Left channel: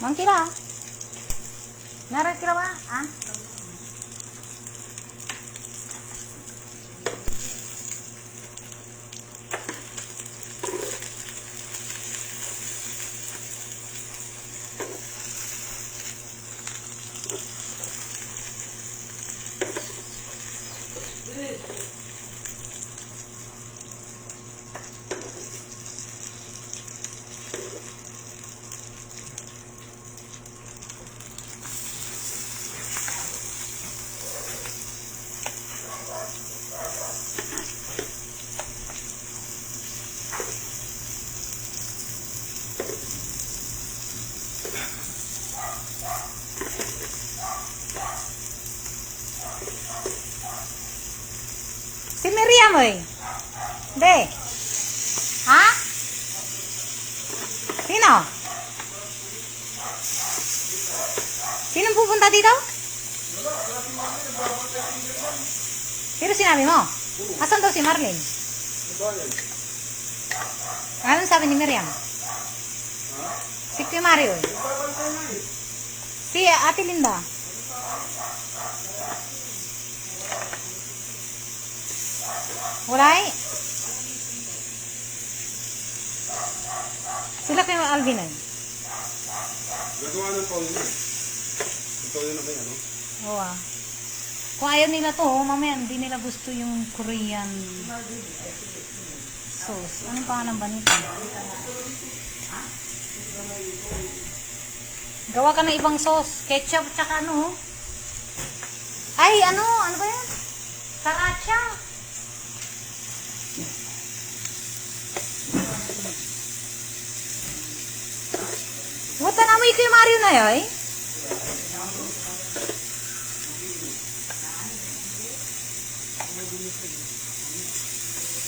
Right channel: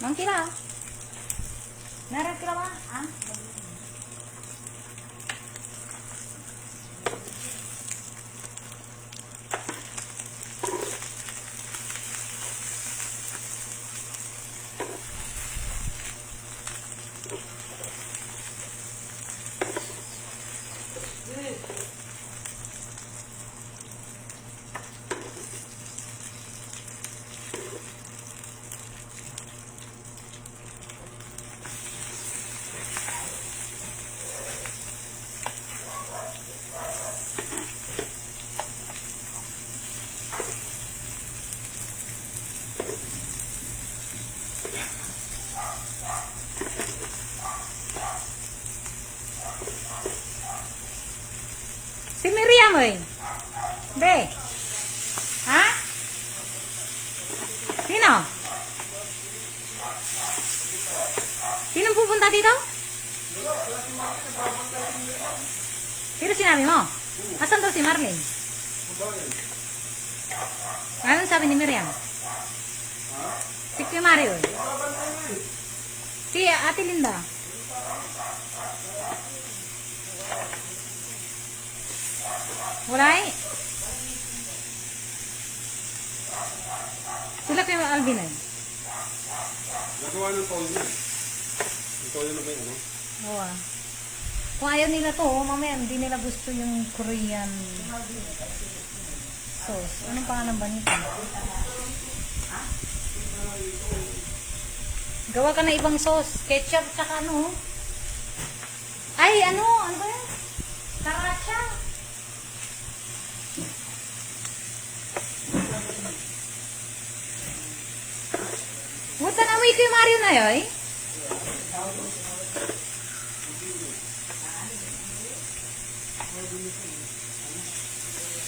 Mang kira. Meron kira ba? Ah? Si Miriam eh. Be. Ha? Sino? Sinong pupunta dito? Pero sinabi mo? Asan daw si Marlene? Anong sabi ni Miriam? Si Kuya Mario eh. Si Ate Linda. Wala eh. Sila kayo Alvin eh. Nagawa ng Paul na. Ito yun na ba yun, ano? Oo ah. Kung ayaw nila to, mamaya hindi nila gusto yung Korean sauce. Anong pangalan ba nito? Gawa ka na ibang sauce. Ketchup tsaka ano. Ay, ano? Ano ba yan? Sriracha. Wata na mo yung Mario na yoy?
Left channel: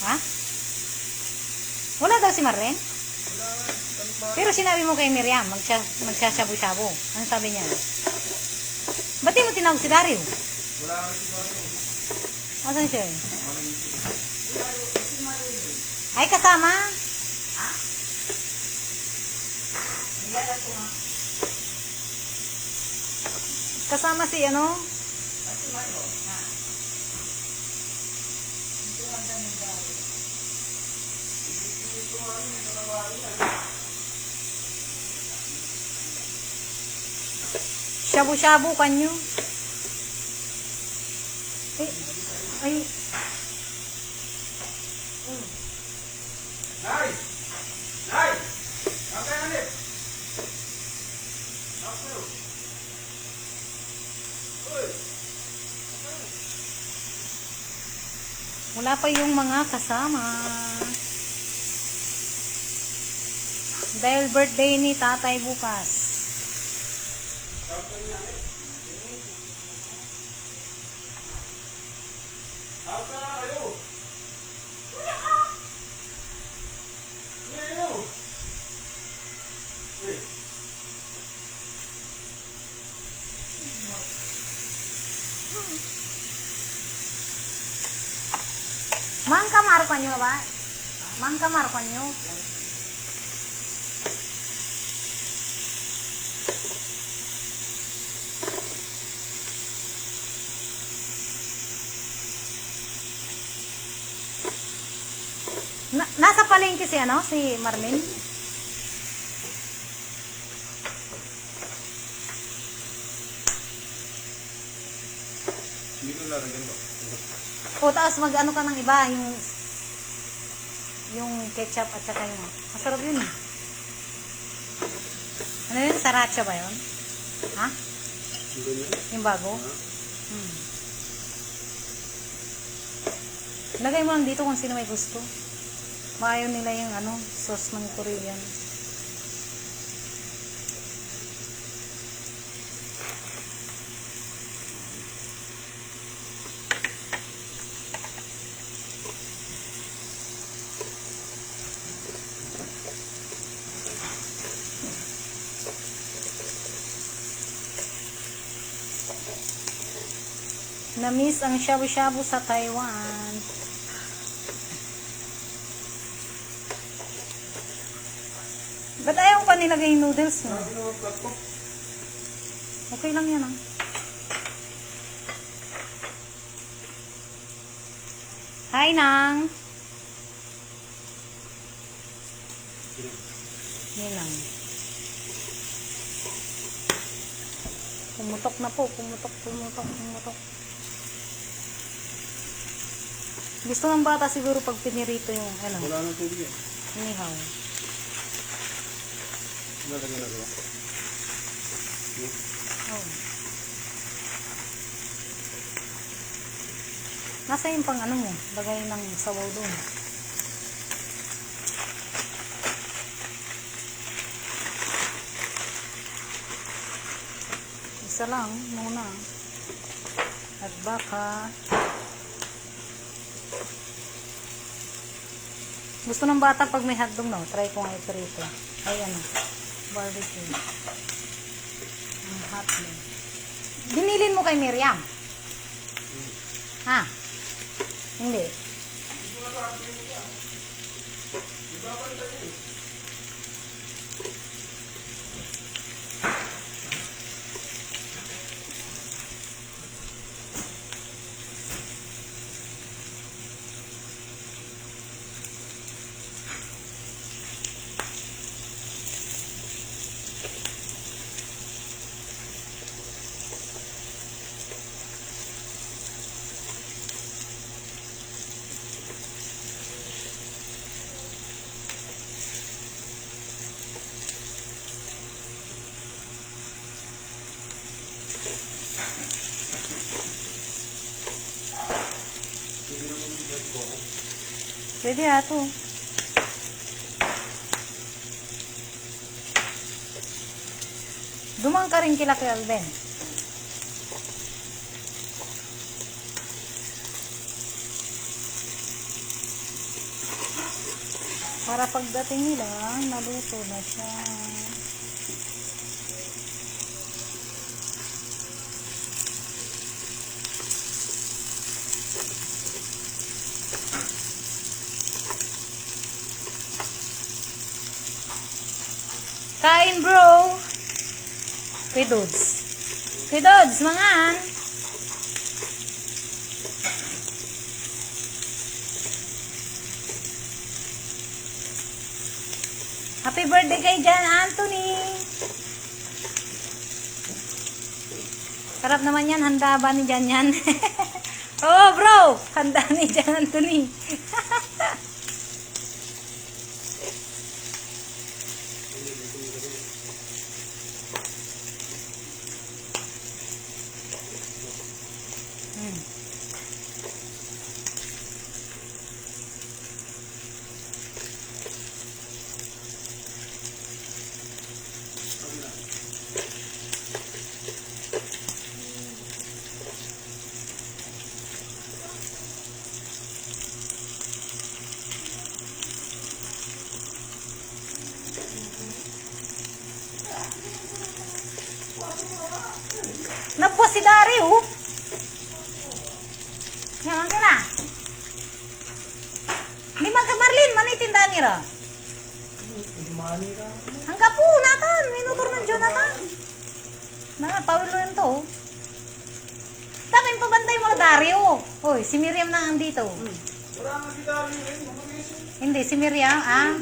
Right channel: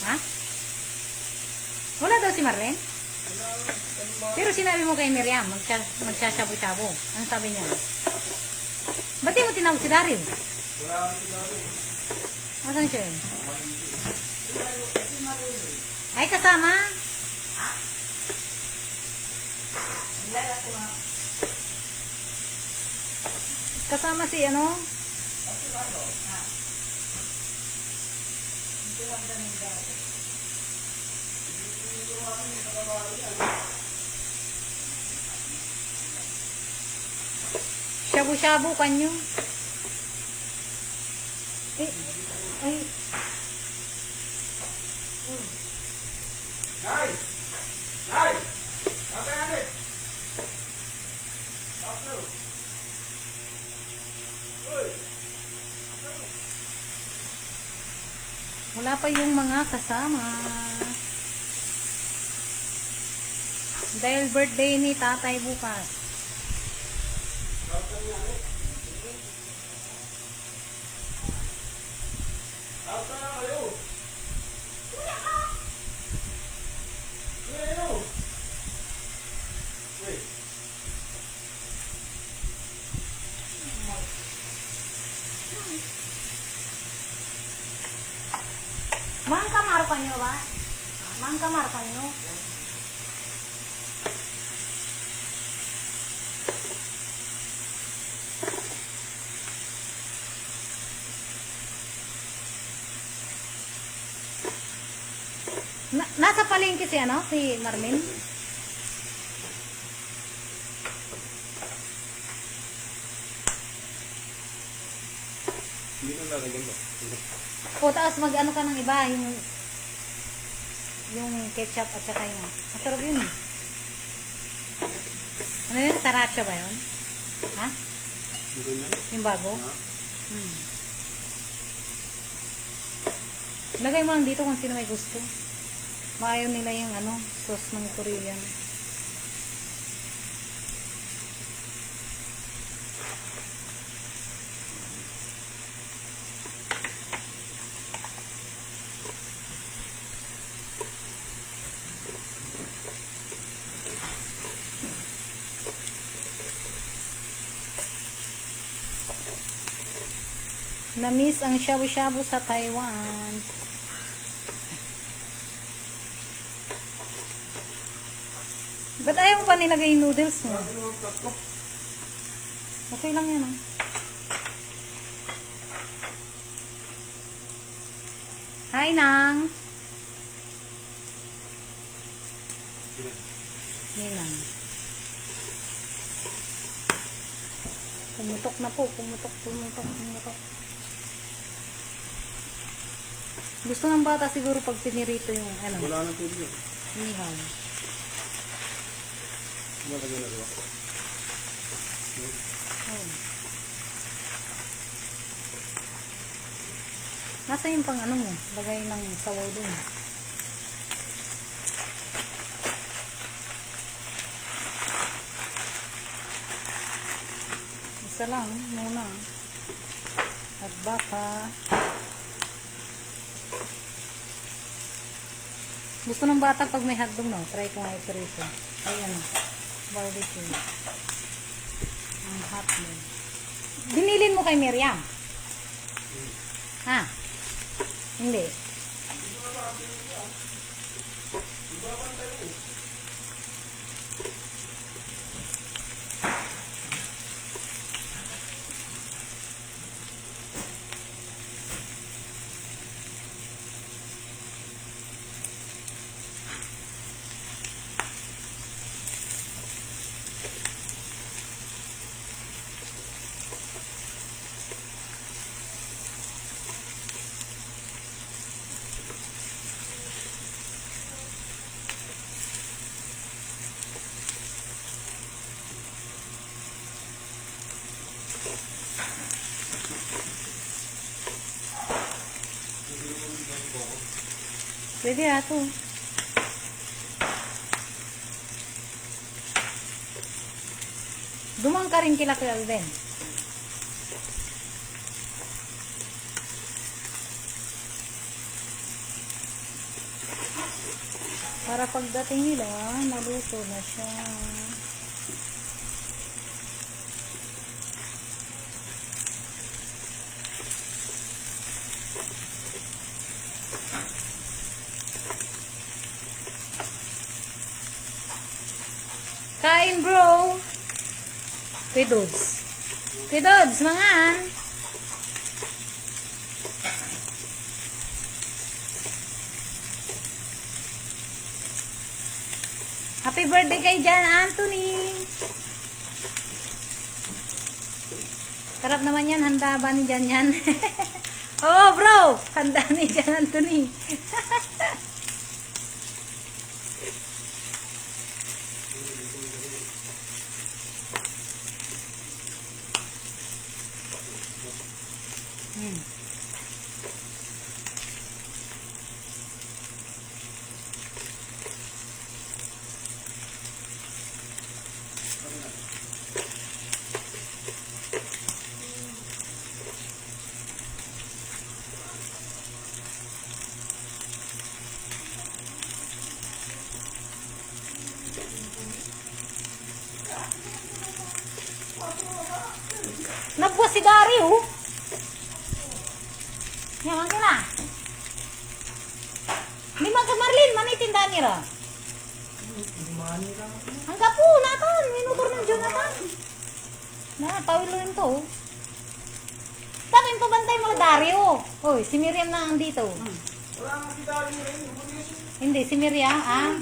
Ha? Wala daw si Marlene? Pero sinabi mo kay Miriam, magsasabo-sabo. Ano sabi niya? Ba't di mo tinawag si Dario? Asan siya eh? Ay, kasama? Kasama si ano? Shabu-shabu kanyo. Ay. Wala pa yung mga kasama. Dahil birthday ni tatay bukas. Mang kamar pa nyo ba? Mang kamar pa nyo? Nasa palengke si ano? Si Marlene? Hindi ko lalagyan ba? O tapos mag ano ka ng iba, yung ketchup at saka yung masarap yun eh. Ano yun? Sriracha ba yun? Ha? Yung bago? Lagay mo lang dito kung sino may gusto. Maayaw nila yung ano, sauce ng Korean. Na-miss ang shabu-shabu sa Taiwan. Ba't ayaw pa nilagay yung noodles nyo? Ano yung flat ko? Okay lang yan ah. Hi, Nang. Yan lang. Pumutok na po. Pumutok. Gusto ng bata siguro pag pinirito yung ano, Wala nang tubig eh. inihaw. Nalagyan na diba? Oh. Nasa yung pang ano mo, lagay ng sabaw doon. Isa lang muna. At baka gusto ng bata pag may hotdog, no? Try ko nga ito rito. Ay ano, barbecue. Ang hotdog. Binilin mo kay Miriam? Ha? Hindi. Pwede ato. Dumang ka rin kila Alden. Para pagdating nila, naluto na siya. Kain, bro. Kuy Dods. Kuy Dods, mangan. Happy birthday kay Jan Anthony. Sarap naman yan. Handa ba ni Jan yan? Oo, bro. Handa ni Jan Anthony. Nabuwas si Dari, oh. Naman ka na. Di man ka Marlin, manitinda nila. Hangga po, natan. Minutor ng Jonathan. Na, Paulo yun to. Tapos yung pabantay mo, Dario. Oy, si Miriam na andito. Wala nang si Dario rin. Hindi, si Miriam, ah.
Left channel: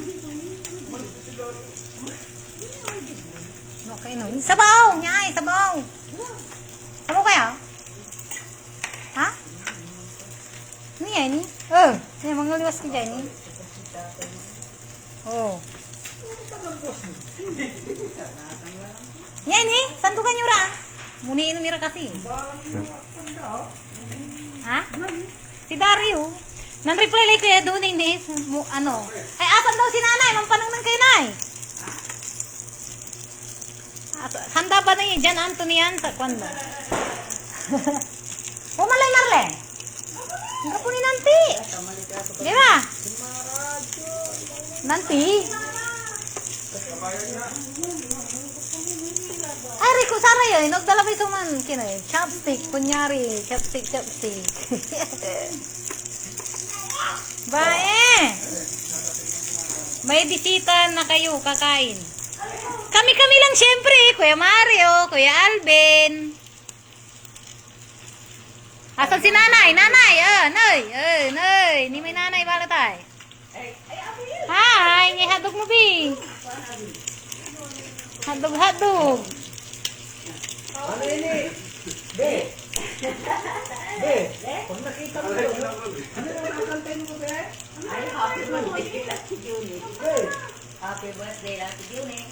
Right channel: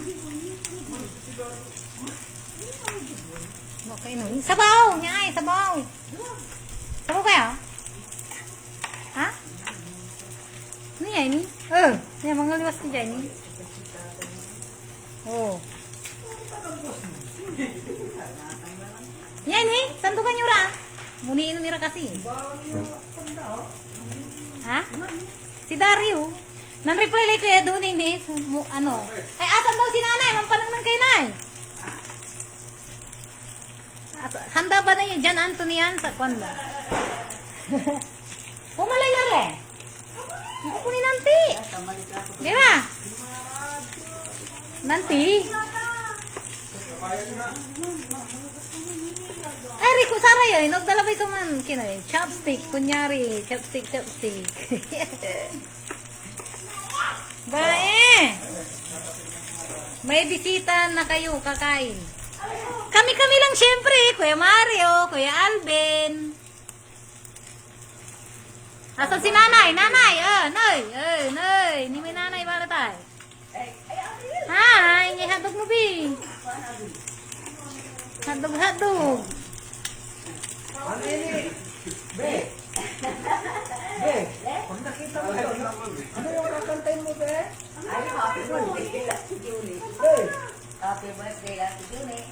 Okay, no. Sabaw! Nyay, sabaw! Sabaw kaya? Ha? Ano yan, ni? Oh, yan, mga liwas ka dyan, ni? Oh. Yan, ni? Sandukan nyo ra. Muniin nira kasi. Ha? Si Dario. Nan-reply like kaya doon, hindi. Ano? Ay, asan daw si nanay? Mampanang ng kay nay. Handa ba na yun? Jan Anthony yan sa kwanda. Pumalay Marle. Ang kapo ni Nanti. Di ba? Nanti. Ay, Rico, Sara yun. Nagdalabay ito man. Kinoy. Chopstick. Kunyari. Chopstick. Bae. May bisita na kayo, kakain. Kami-kami lang syempre. Kuya Mario, Kuya Alvin. Asan si nanay? Nanay, nay. Ni may nanay para tayo. Hi, ngay hadog mo, Bi. Hadog. Ano ini? Be. Be. Pag nakita ko, ano yung kakantayin mo, be? Happy birthday, Ate Juni. Be. Happy birthday, Ate Juni.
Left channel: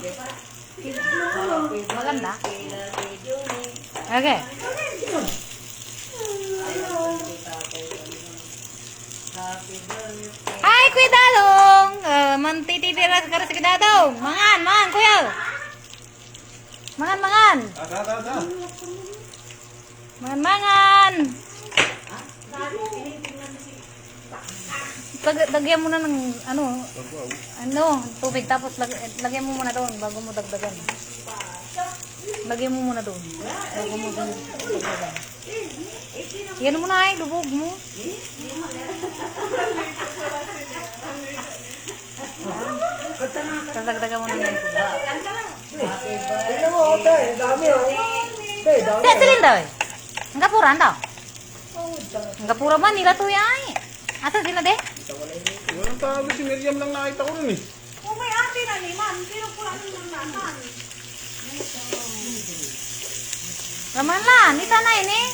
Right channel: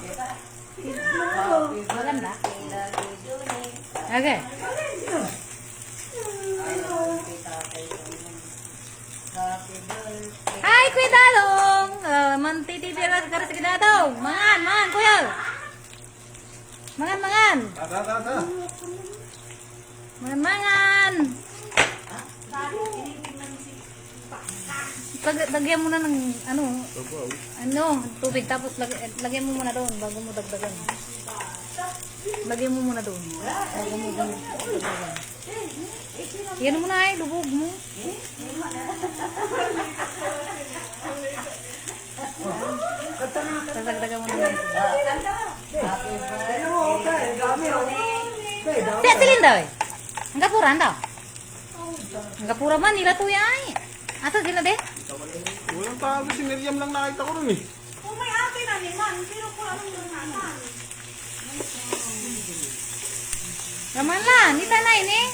Diba? Maganda. Happy Ate Juni. Okay. Ay, naku, Tatay Juni. Happy birthday. Hi, Kuya Dadong. Mantitipira ka rin sa Kuya Dadong. Mangan, Kuya. Mangan. Ada. Mangan. Lagyan mo na ng tubig tapos lagyan mo muna doon bago mo dagdagan. Lagyan mo muna doon bago mo dagdagan. Yan mo na ay lubog mo. Dagdagan mo na ng tubig. Happy Tingnan mo, be. Ang dami, oh. Be, dami. Siya silindoy. Ang kapura anda. Ang kapura man nila to ay. Asa sila de? Walang tao, si Miriam lang nakita ko rin eh. Naman na, nita na yun eh.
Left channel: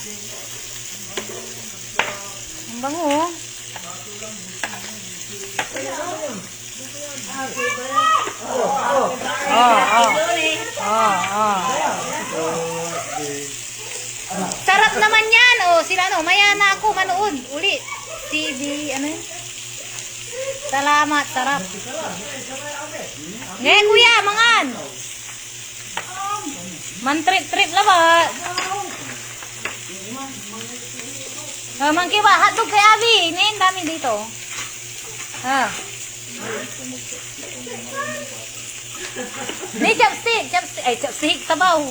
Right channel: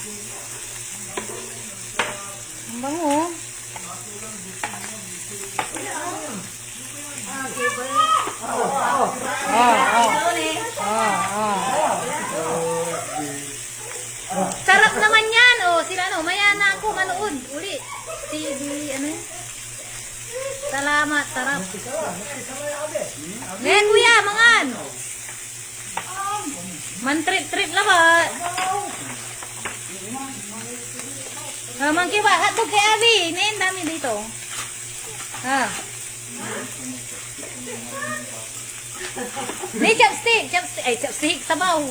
Ang bango. Sarap naman yan. Oh, sila maya na ako manood. Uli. Ano yun? Salamat, sarap. Ngayon kuya, mangan. Man-trip na ba? Mangki ba? Hotdog kay Abby. Ngayon dami dito. May chopstick. Chopstick. Sabaw.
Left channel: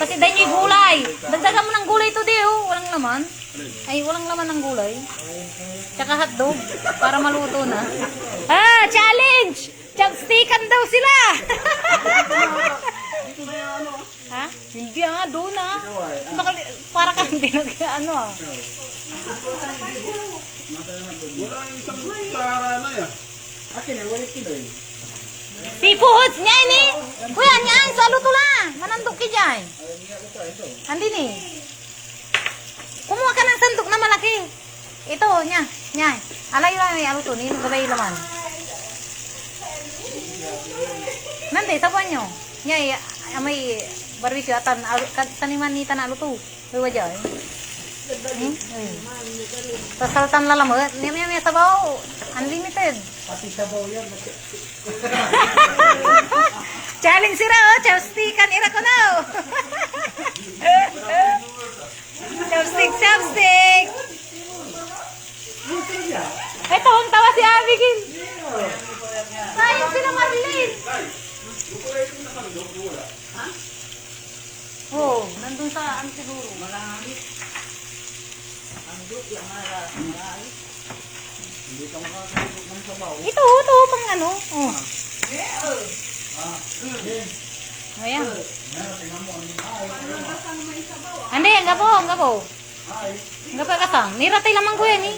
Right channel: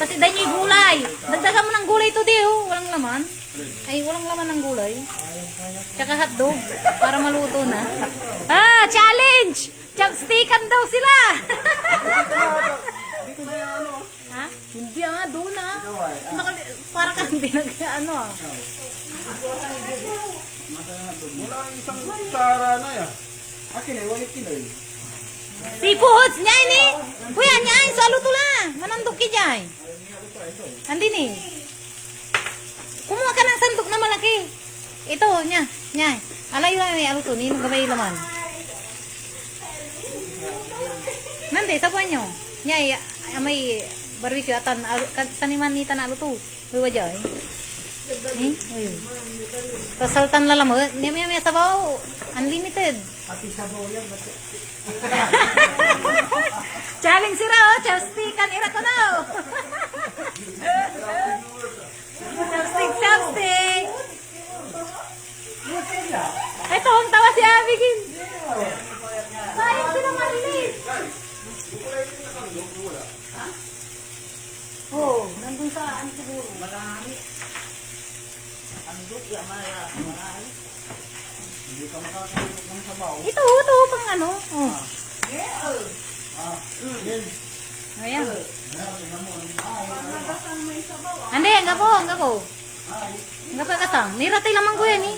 Kasi dahil may gulay. Dagdagan mo ng gulay to di oh. Walang laman. Walang laman ng gulay. Tsaka hotdog. Para maluto na. Challenge! Chopstickan daw sila! Ha? Hindi doon para kang binag-ano Walang isang tara na yan. Akin na, walit kilo eh. Seafoods niya ini. Kuya niya sa luto la. Manandok ki jay. Andi ni. Kumuha ka ng sandok na malaki. Ito niya. Alay lang may aluto ni gabay laman. Nande sa panyo. Nya may barbecue atan kaniman ni tanalo to. Duwa jay. Pasaltan la lamot. Niya sabaw. Unlimited. Pati sabaw yun. Challenge sila chopstickan ira ko na Chopstick. Ito ang tawa si Abigail. Sayang sila Marlene. Nandun sa siguro. Ito pang ano. Ayan. Ande, ang gapo. Ang gapo kasang. Niratay lamang ko yan eh.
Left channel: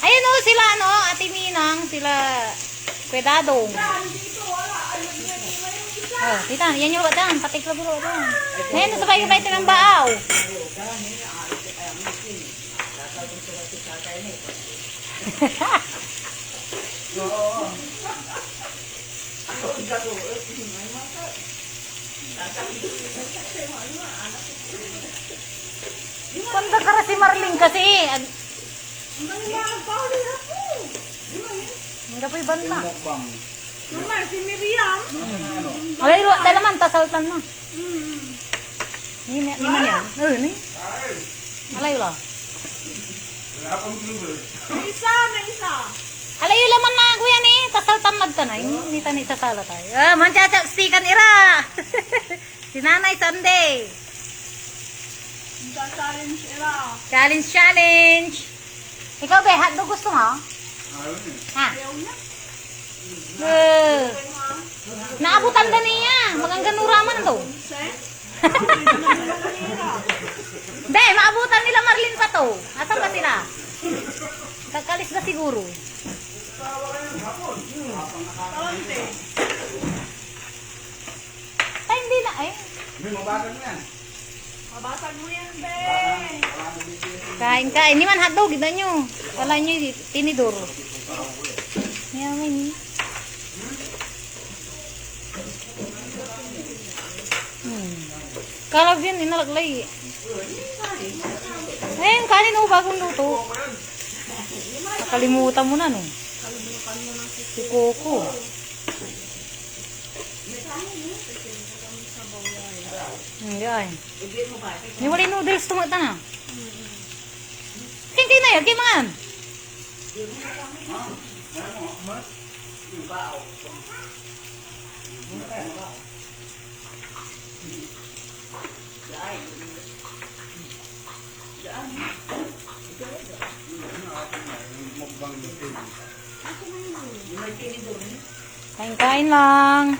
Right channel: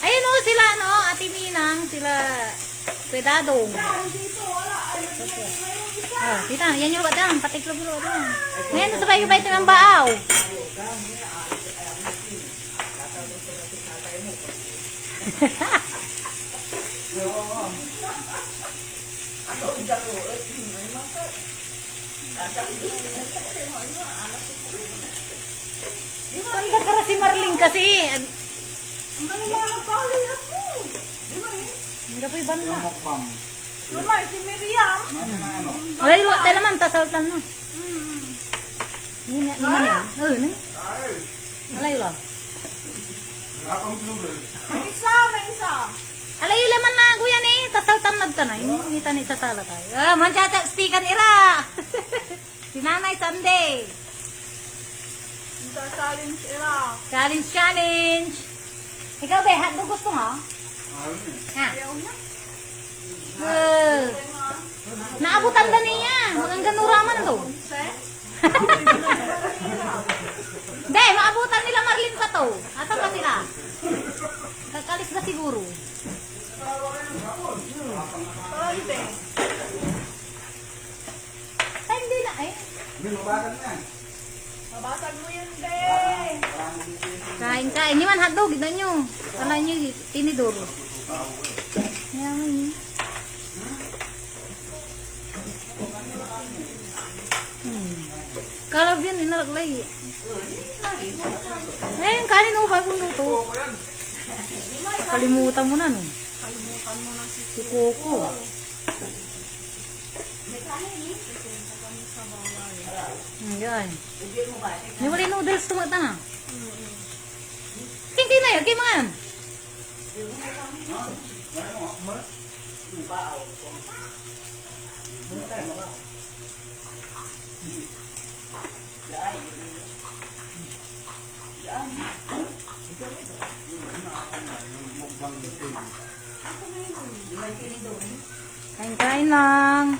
Ayun sila Ate Minang, sila Kuya Dadong. Tita, yan yung batang, patiklo-bilo batang. Ngayon, nasabay ko ba ito ng baaw? Panda ka si Marlene kasi. Hindi po iban na. Alay, dahil naman, tasaltan na. Ni man yan. Ni. Alay, wala. Alay, laman na ako yan eh. Tasaltan magtanay. Hindi tanay sa sala tayo. Manchachapstikan ira. Si Nanay Sunday. Challenge, challenge. Ikaw, be, hotdog gusto mo? Ha? Naabutan na niya. Magangganura man to. Be, maabutan nila Marlin pa to. Asan ba sila? Kakalis na siguro. Ay, hindi na eh. Kain-kain. Ini man hotdog, kita nyo. Kala nyo, tinidor. Yaman eh. Kalab yan, inalaglay. Ayun, kanin o, bagong luto. Nakalimutan mo na, no? Si Coco. Yan. Yung wala noodles, tumata na. Kaya na yan, kaya mga yan. Kain-kain lang.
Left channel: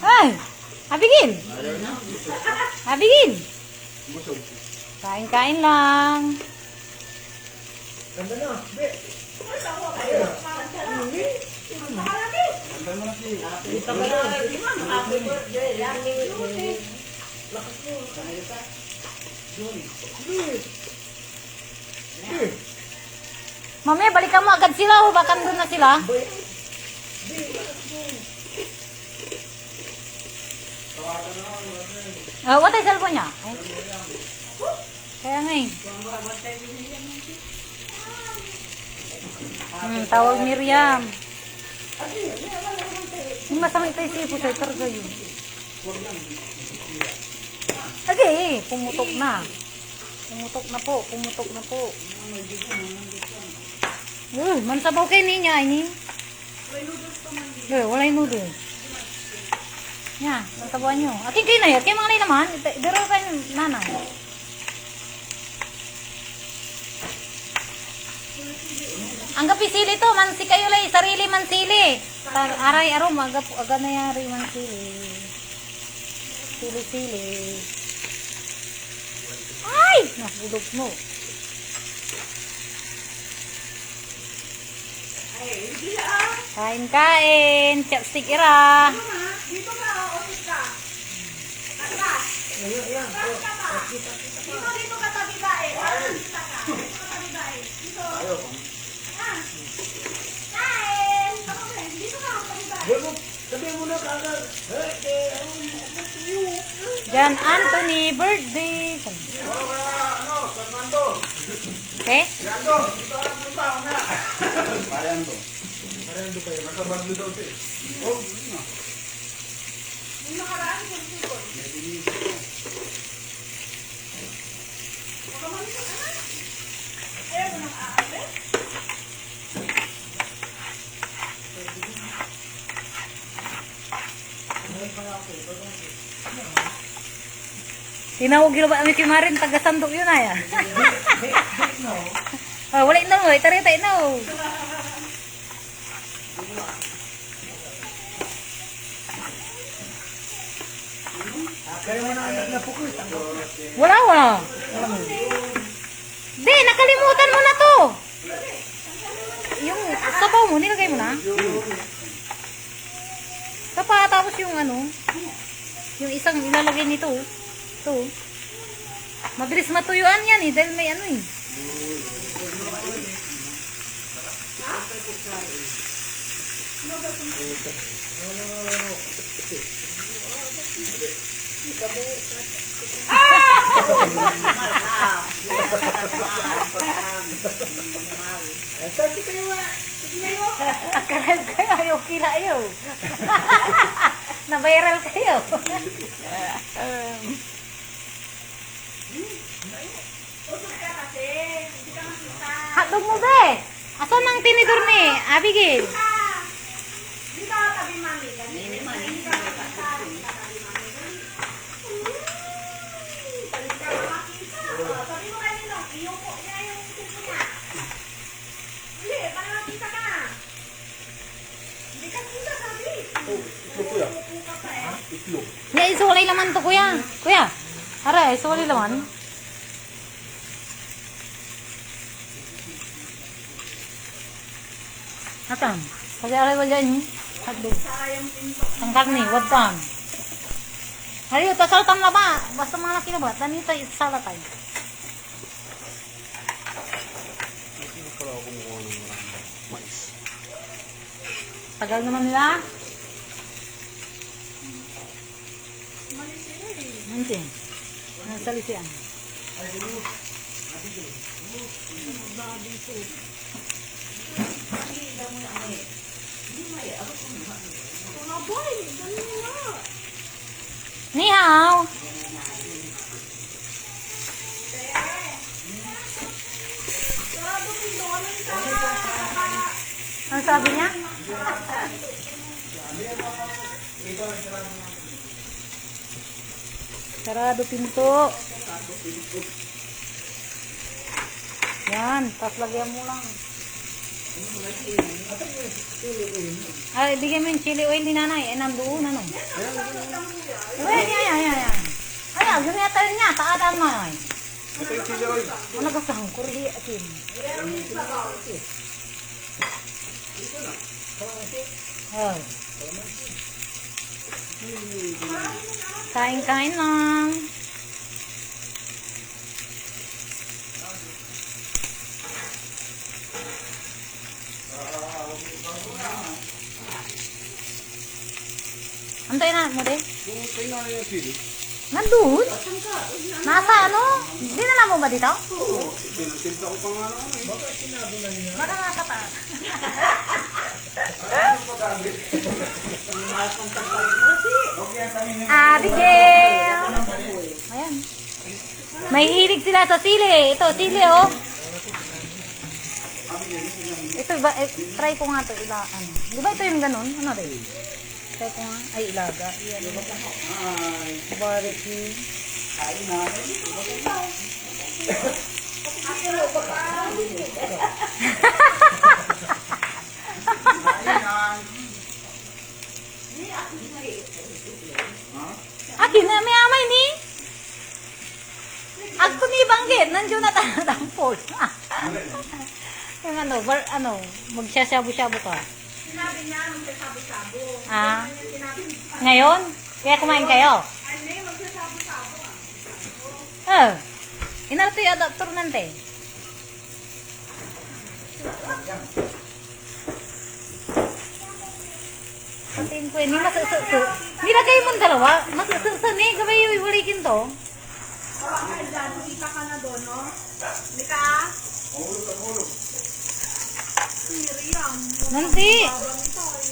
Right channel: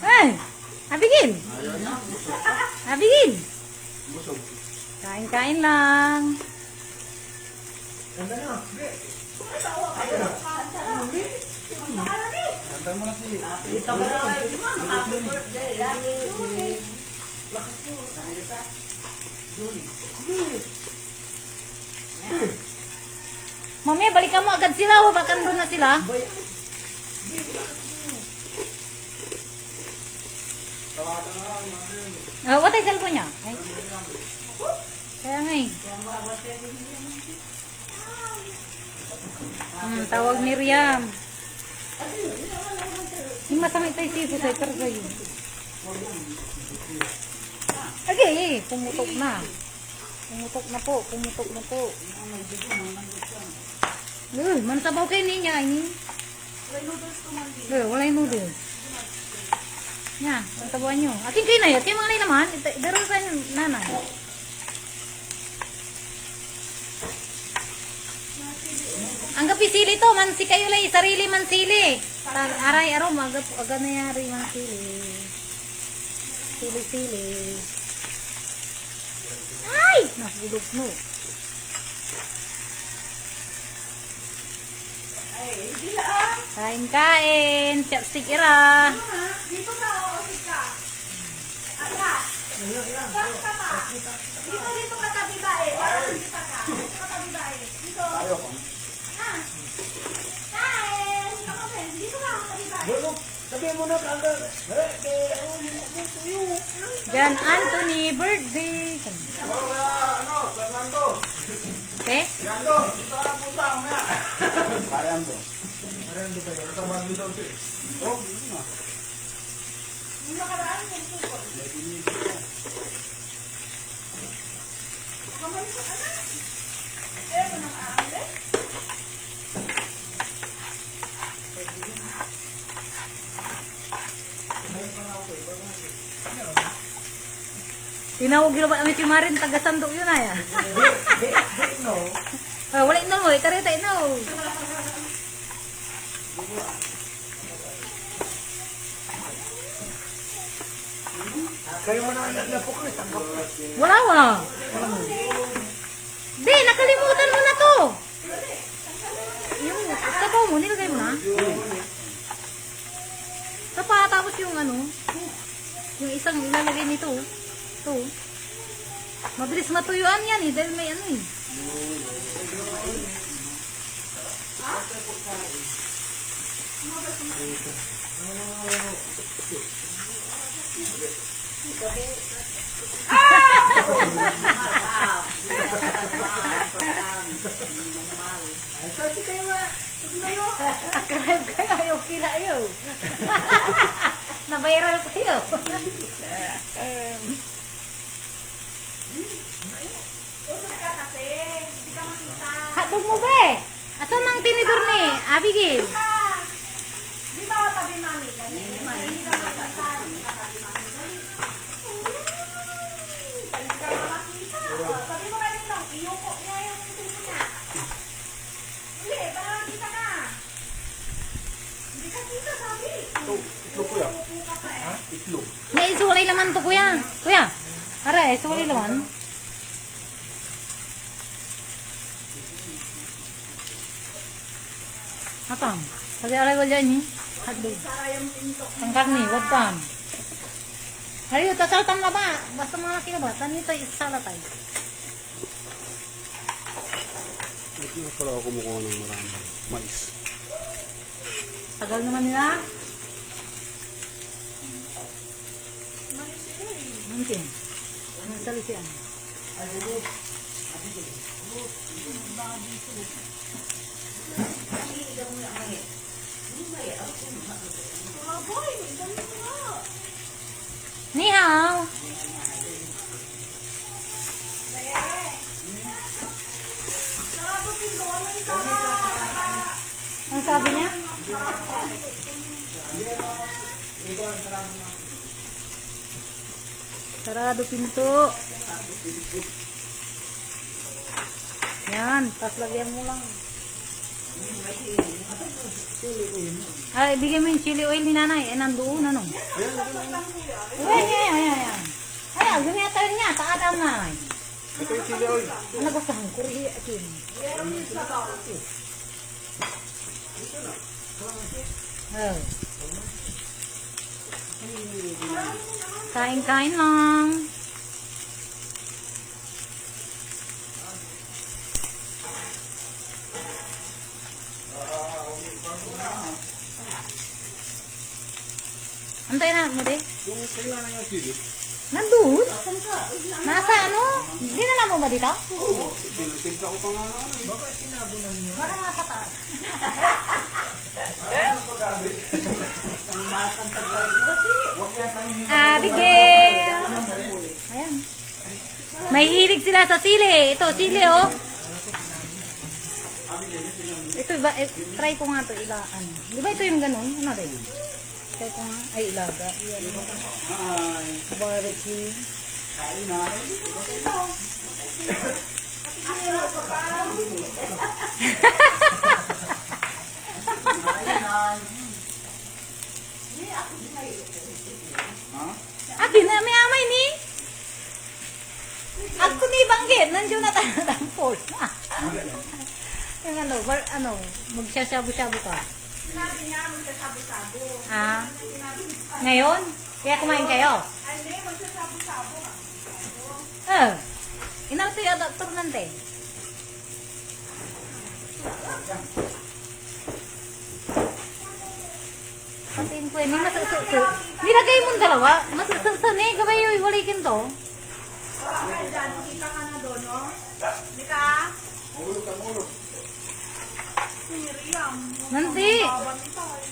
Ay! Abigin! Abigin! Kain-kain lang. Ganda nyo. Be. Mamaya balikan mo agad sila o baka doon na sila. What ay cellphone niya? Ay. Kaya nga eh. Tawag Miriam. Yung masama ito yung sipo sa targa yun. Okay, pumutok na. Pumutok na po, pumutok na po. Mansabaw kayo niya, ini. Wala yung noodles. Yan, ang tabuan nyo. Akin kayo na yan, kayo mga naman. Daro kayo nanay. Ang gapisili to, mansi kayo lang, sarili mansili. Aray, aro, aga na yari mansili. Sili-sili. Ay! Nahulog mo. Kain-kain. Chopstick ira. Dito ka, osis ka. Atras. Dito ka tabi ba eh. Dito ka tabi ba eh. Dito. Kain. Ako rin. Dito ka, tabi ba eh. Sabihin mo na kagad. John Anthony birthday. Okay? Tinawag yun ba kami kimarin, taga-sandok yun ay. Wala na mo, itarita na mo. Kaya mo na na po ko. Wala. Be, nakalimutan mo na to. Yung sabaw mo, nilagay mo na. Sapa, tapos yung yung isang ilalagay nito. Ito. Mabilis matuyuan yan eh, dahil may eh. Sabi kayo nga. Akarab kayo, ayaw kila ayaw. Na-viral kayo. Hotdog mo be. Asan ang tinidor ni Abigail? Di ba tabi mami? Hindi ka makita. laman to, kuya. Kuya. Aray, so wali laman. Atam. Kasi aray ko dyan eh. Hotdog. Ang karni, wadam. Ayo, tasal tam na ba? Basta mga nakina ba? Tanito, isala tayo. Hindi ko pala ako kumukuha ng marami. Mais. Tagal naman nila. Nanti. Nasali siya. Ni hao. Ano sabi niya? Sarado pinto. Yan, tas lagyan mo lang. Ay, bigyan mo yung chili oil ni nanay. Ay, nandoon, ano? Ay, ay. Ay, gumiyata rin niya. Takatan mo, ay. Ito yung chili oil. Ano ka sa hangkuri? Atin. Oh. Kain-kain lang. Antayin na mo, de. Kung kailangan yung chili, Nandun? Nasa ano? Dinala mo ba dito? tinitimpla ko pa nga lang. Baka nasa pa. Abigail! Ayan. May hilig sila sa sili. Ito, sili, oh. Ito, ba, try ko nga ito. Ano. Di ba ito yung ganun? Ano rin? Try ko nga. Ay, ilaga. Barbecue. Akin na, may amay ni. Ako ni banggit. Nandiyo na tayo ng force. Yung ano, magsasyabu-syabu ka. Sinabi niya, magsasabi-sabo. Ah, ngayon? Kaya kumain kayo? Ay, hindi, magsasabi-sabo nga. Inarto yung adapter nante. Patiin ko yun, masasuso. Nilagay mo ng dalawa, masasuso eh, gabay yung iwalikin to. Wala ka dyan, kita ka na doon, no? Hindi ka? Mahulog ka, mahulog. Si Miriam. Nanti. Baba nito, eh.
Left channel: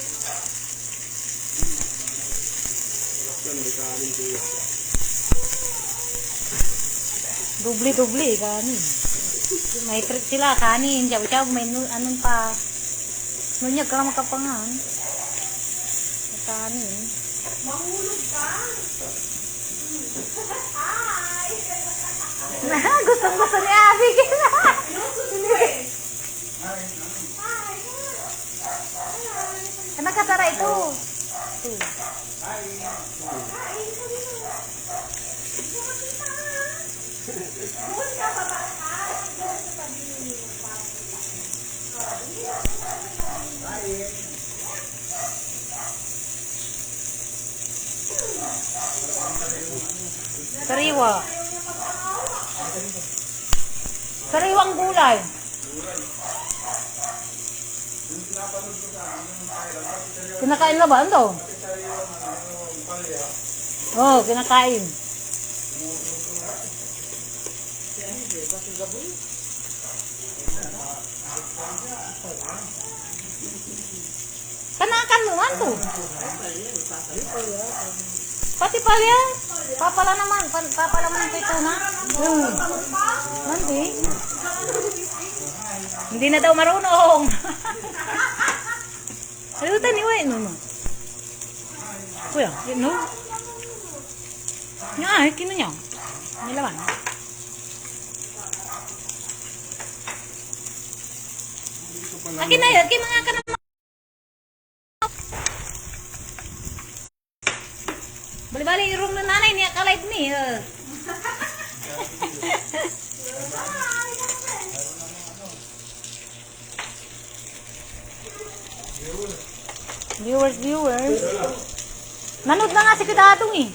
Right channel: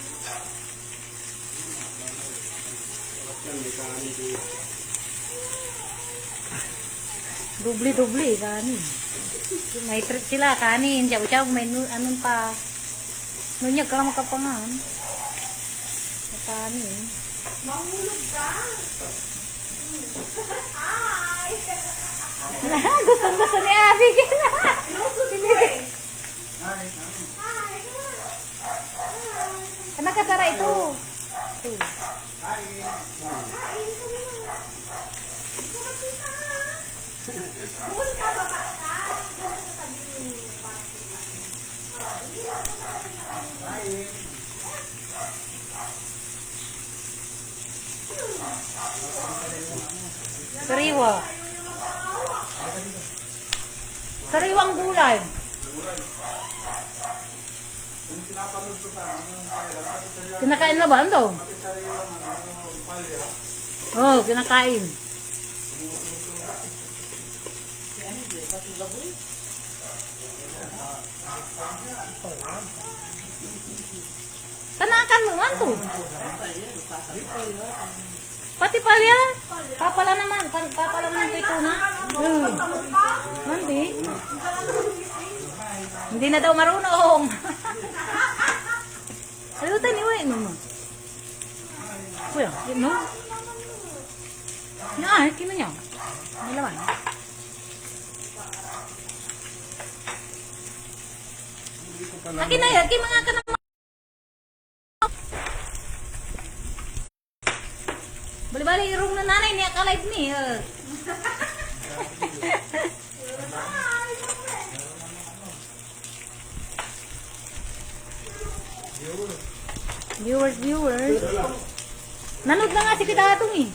Hindi ka amin ko yun. Dubli-dubli, kanin. May trip sila, kanin, siyaw-siyaw, may anong pa. Nunyag ka lang makapangan. Kanin. Mahulog ka. Gustong-gusto ni Abby. Ano kasara ito? Ito. Sariwa. Sariwang gulay. Kinakain mo ba? Ano? Oh, kinakain. Kanakan mo man to. Pati pala yan. Papala naman. Papala naman ito na. Nanti. Hindi na daw marunong. Ito taniwin mo. Kuya, yun no? Nga, kino niya. May laman. Akin na yun. Akin mga ka naman. Bali bali room na nanay niya ka-live ni. Viewers. Nanood na nga si Kitatong eh.